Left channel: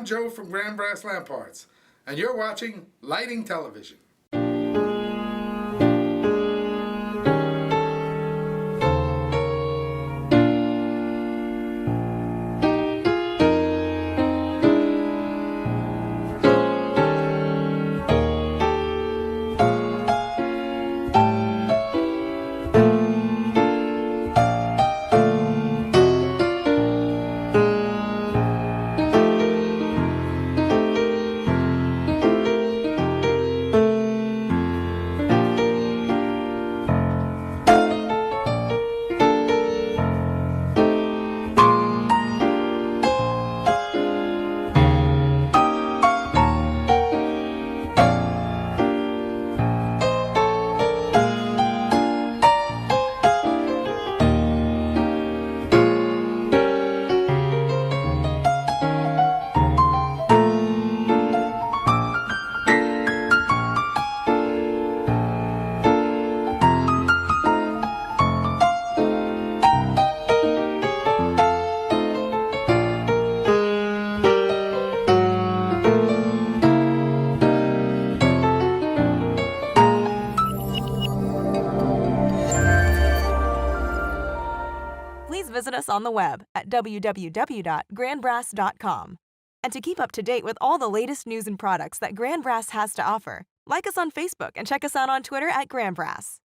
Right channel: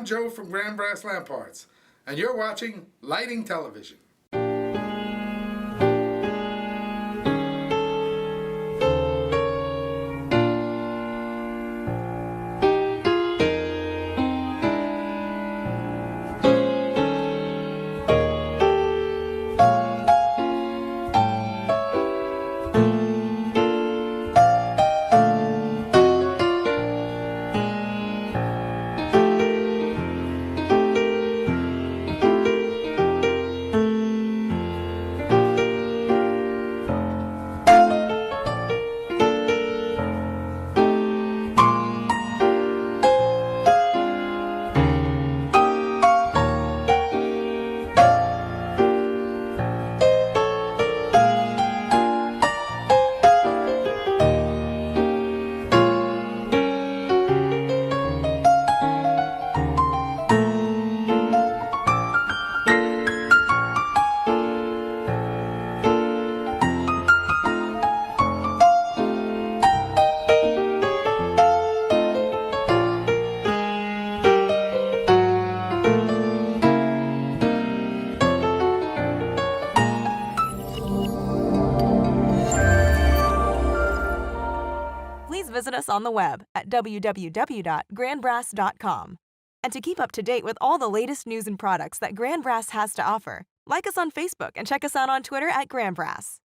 I'm Joe from Grand Brass Lamp Parts, and you're watching Lighting Television. Please visit us on the web at www.grandbrass.com. And to keep up to date with all the latest news and products that Grand Brass has to offer, like us on Facebook and check us out on Twitter at Grand Brass.